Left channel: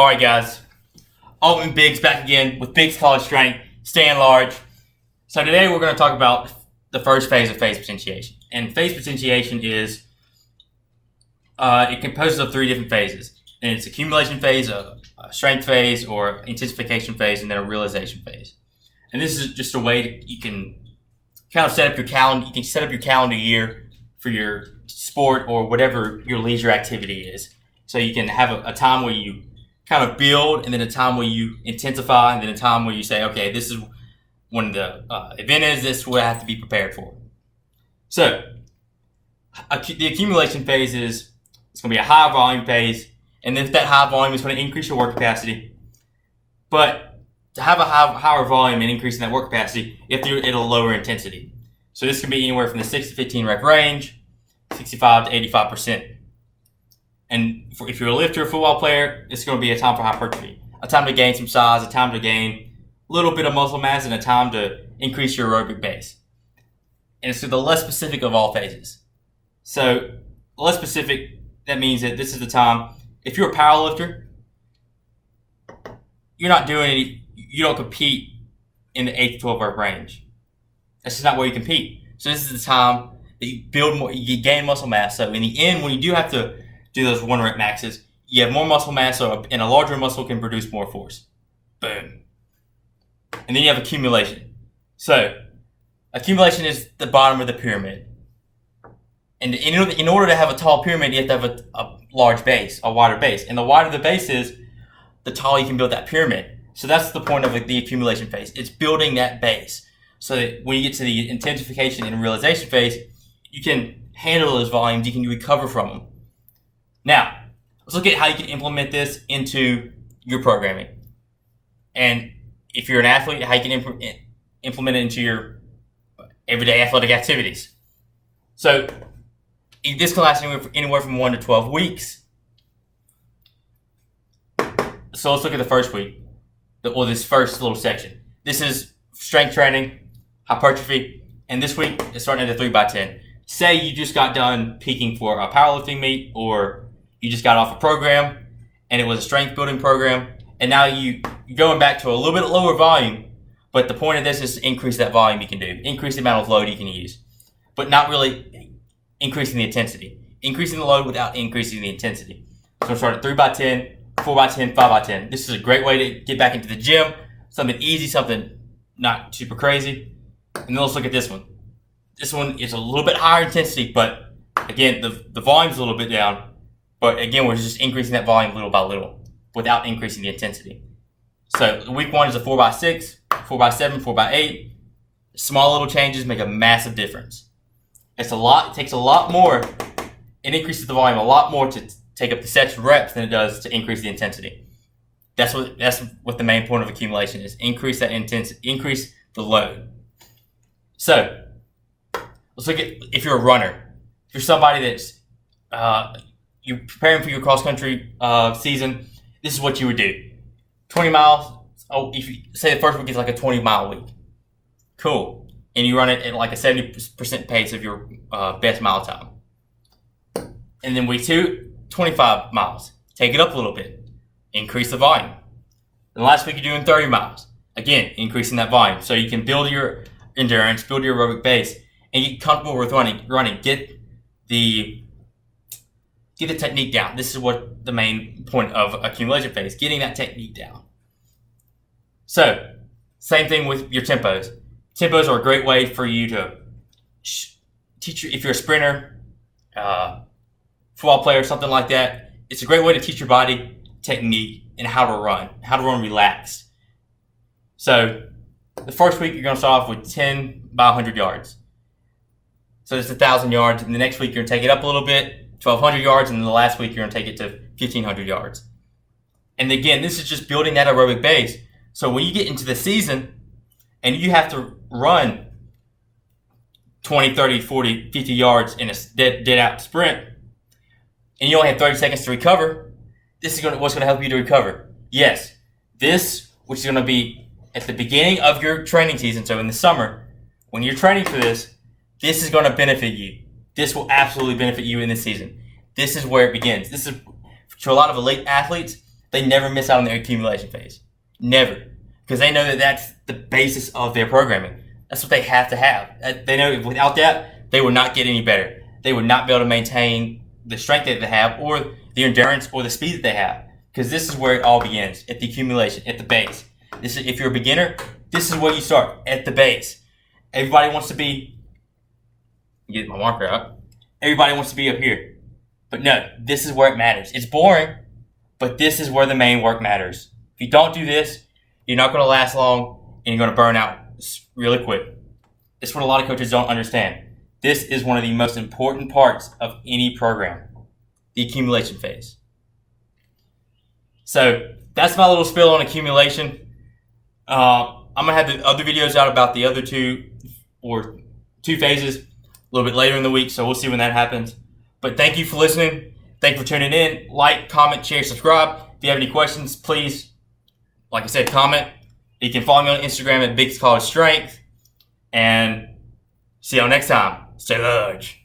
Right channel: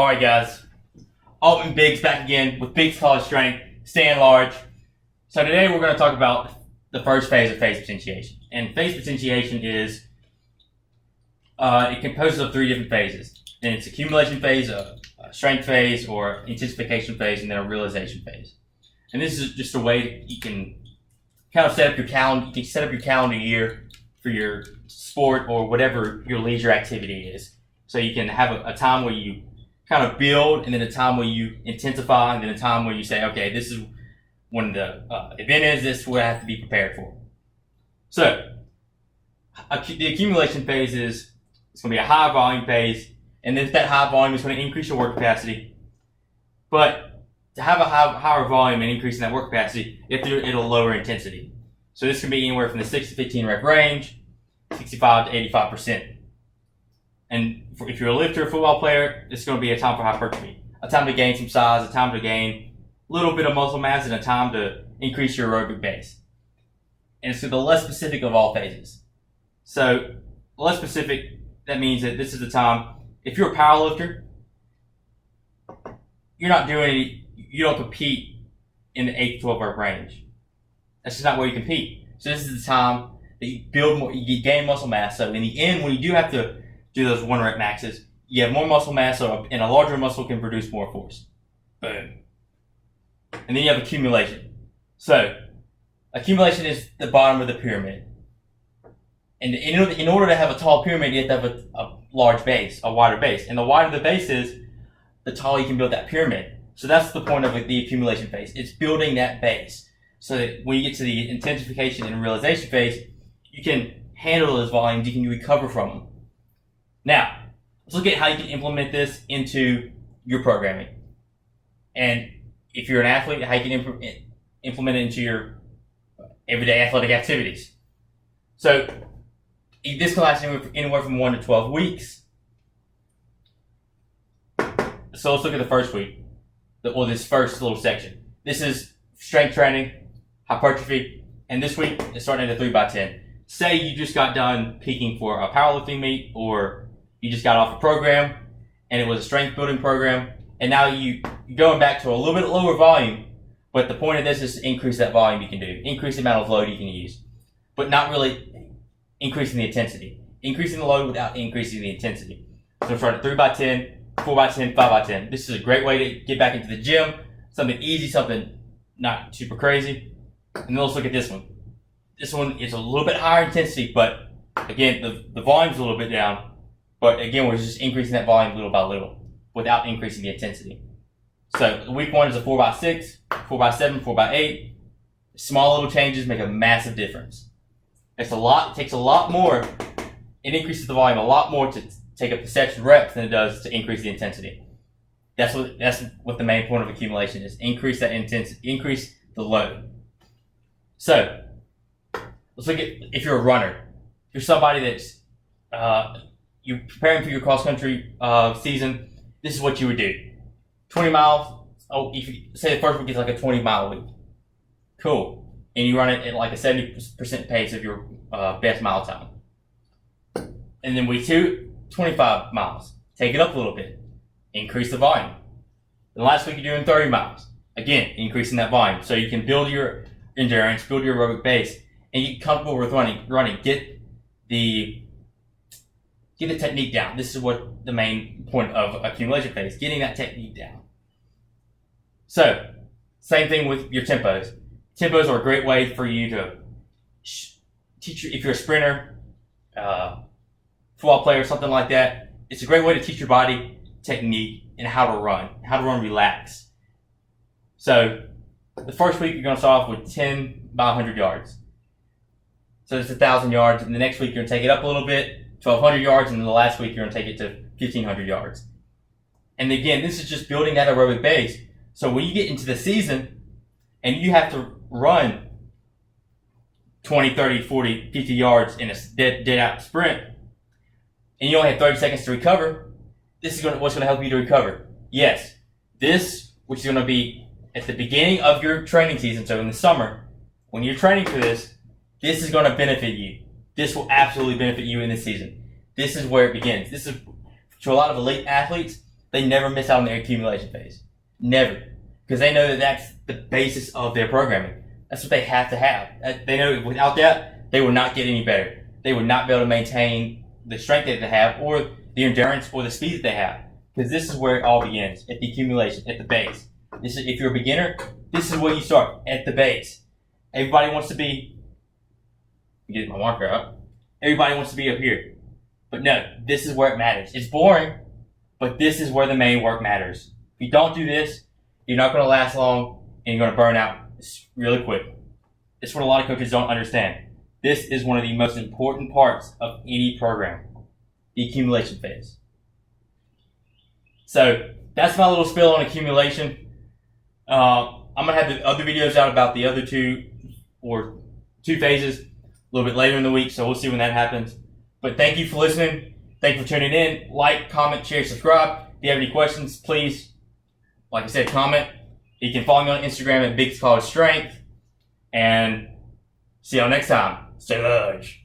All right, guys. Altman Biggs back again with Biggs College Strength, staying large. So today we're going to talk about the first phase of phase potentiation. And phase potentiation is, it composes of three different phases. And it's accumulation phase, a strength phase, or intensification phase, and then a realization phase. And this is just a way that you can kind of set up your calendar. You can set up your calendar year for your sport or whatever your leisure activity is. So you can have a time where you kind of build, and then a time where you intensify, and then a time where you say, okay, this is when the event is, this is what I have to be prepared for. So the accumulation phase is, it's going to be a high volume phase, and if that high volume is going to increase your work capacity. But to have a higher volume and increase in that work capacity, you have to do it at a lower intensity. So this can be anywhere from the 6 to 15 rep range, 65 to 85%. And if you're a lifter or football player, it's going to be a time for hypertrophy, a time to gain some size, a time to gain a little bit of muscle mass, and a time to increase your aerobic base. And it's the less specific of all phases. So less specific, that means that this is the time. If you're a power lifter, you don't compete in the 8 to 12 rep range. That's just not where you compete. So this is the time that you build more, you gain muscle mass. So in the end, when you do have to do those 1 rep maxes, you have more muscle mass, and a larger muscle can produce more force. Boom. And then you have accumulation. So accumulation is the bottom of the pyramid. And in order to have a tall pyramid, you have to have a large base, a wider base. And the wider the base is, the taller you can build that pyramid. So that's the point of the accumulation phase. It's building that base so that when you get to the intensification and realization phase, you can handle those volumes, you can recover from them. Now, let's look at how you can implement this into your programming. And if you're an athlete, how you can implement it into your everyday athletic activities. So this can last anywhere from 1 to 12 weeks. So let's look at the first week, or this first little section. This is strength training, hypertrophy, and this week it's starting at a 3x10. Say you just got done peaking for a powerlifting meet, or you just got off a program and it was a strength building program, and now you're going back to a little bit lower volume, but the point of this is to increase that volume you can do, increase the amount of load you can use, but not really increasing the intensity. Increasing the load without increasing the intensity. So we'll start at 3x10, 4x10, 5x10. This is a great way to get back into the gym, something easy, something not super crazy. And then let's look at this one. This one is a little bit higher intensity, but again, the volume's a little bit down. But again, we're just increasing that volume little by little without increasing the intensity. So week 1 is a 4x6, 4x7, 4x8. Small little changes make a massive difference. It takes a lot more. It increases the volume a lot more to take up the sets and reps than it does to increase the intensity. That's what the main point of accumulation is. Increase that intensity, increase the load. So let's look at, if you're a runner, if you're somebody that's you're preparing for your cross country season, this is what you would do. 20 miles. Oh, if you say the first week is like a 20-mile week, cool, and you run it at like a 70% pace of your best mile time. And then week 2, 25 miles. Take it up a little bit. Increase the volume. And last week you're doing 30 miles. Again, increasing that volume. So you can build your endurance, build your aerobic base, and get comfortable with running. Get the technique down. This is what the main point of accumulation phase, getting that technique down. So, same thing with your tempos. Tempos are a great way for you to teach you, if you're a sprinter, football player, something like that. It's a great way to teach your body technique and how to run relaxed. So the first week you're going to start off with 10 by 100 yards. So it's 1,000 yards, and the next week you're going to take it up a little bit, 1,200 yards, and then the last week you're going to take it to 1,500 yards. And again, this is just building that aerobic base. So when you get into the season and you have to run 20, 30, 40, 50 yards in a dead out sprint, and you only have 30 seconds to recover, this is what's going to help you to recover. Yes, this, which is going to be at the beginning of your training season, so in the summer, when you're training for this is going to benefit you. This will absolutely benefit you in this season. This is where it begins. This is, to a lot of elite athletes, they never miss out on their accumulation phase. Never. Because they know that that's the basis of their programming. That's what they have to have. They know without that, they will not get any better. They would not be able to maintain the strength that they have, or the endurance, or the speed that they have. Because this is where it all begins, at the accumulation, at the base. This is, if you're a beginner, this is where you start, at the base. Everybody wants to be, get my marker out. Everybody wants to be up here. But no, this is where it matters. It's boring, but this is where the main work matters. If you don't do this, you're not going to last long, and you're going to burn out really quick. It's what a lot of coaches don't understand. This is one of the most important parts of any program, the accumulation phase. So that's my little spill on accumulation. I'm going to have the other videos out about the other two phases a little bit later in the week, so we'll see when that happens. But thank you for listening. Thank you for tuning in. Like, comment, share, subscribe. If you have any questions, please, like I said, comment. You can follow me on Instagram at Big College Strength. And see y'all next time. Stay large.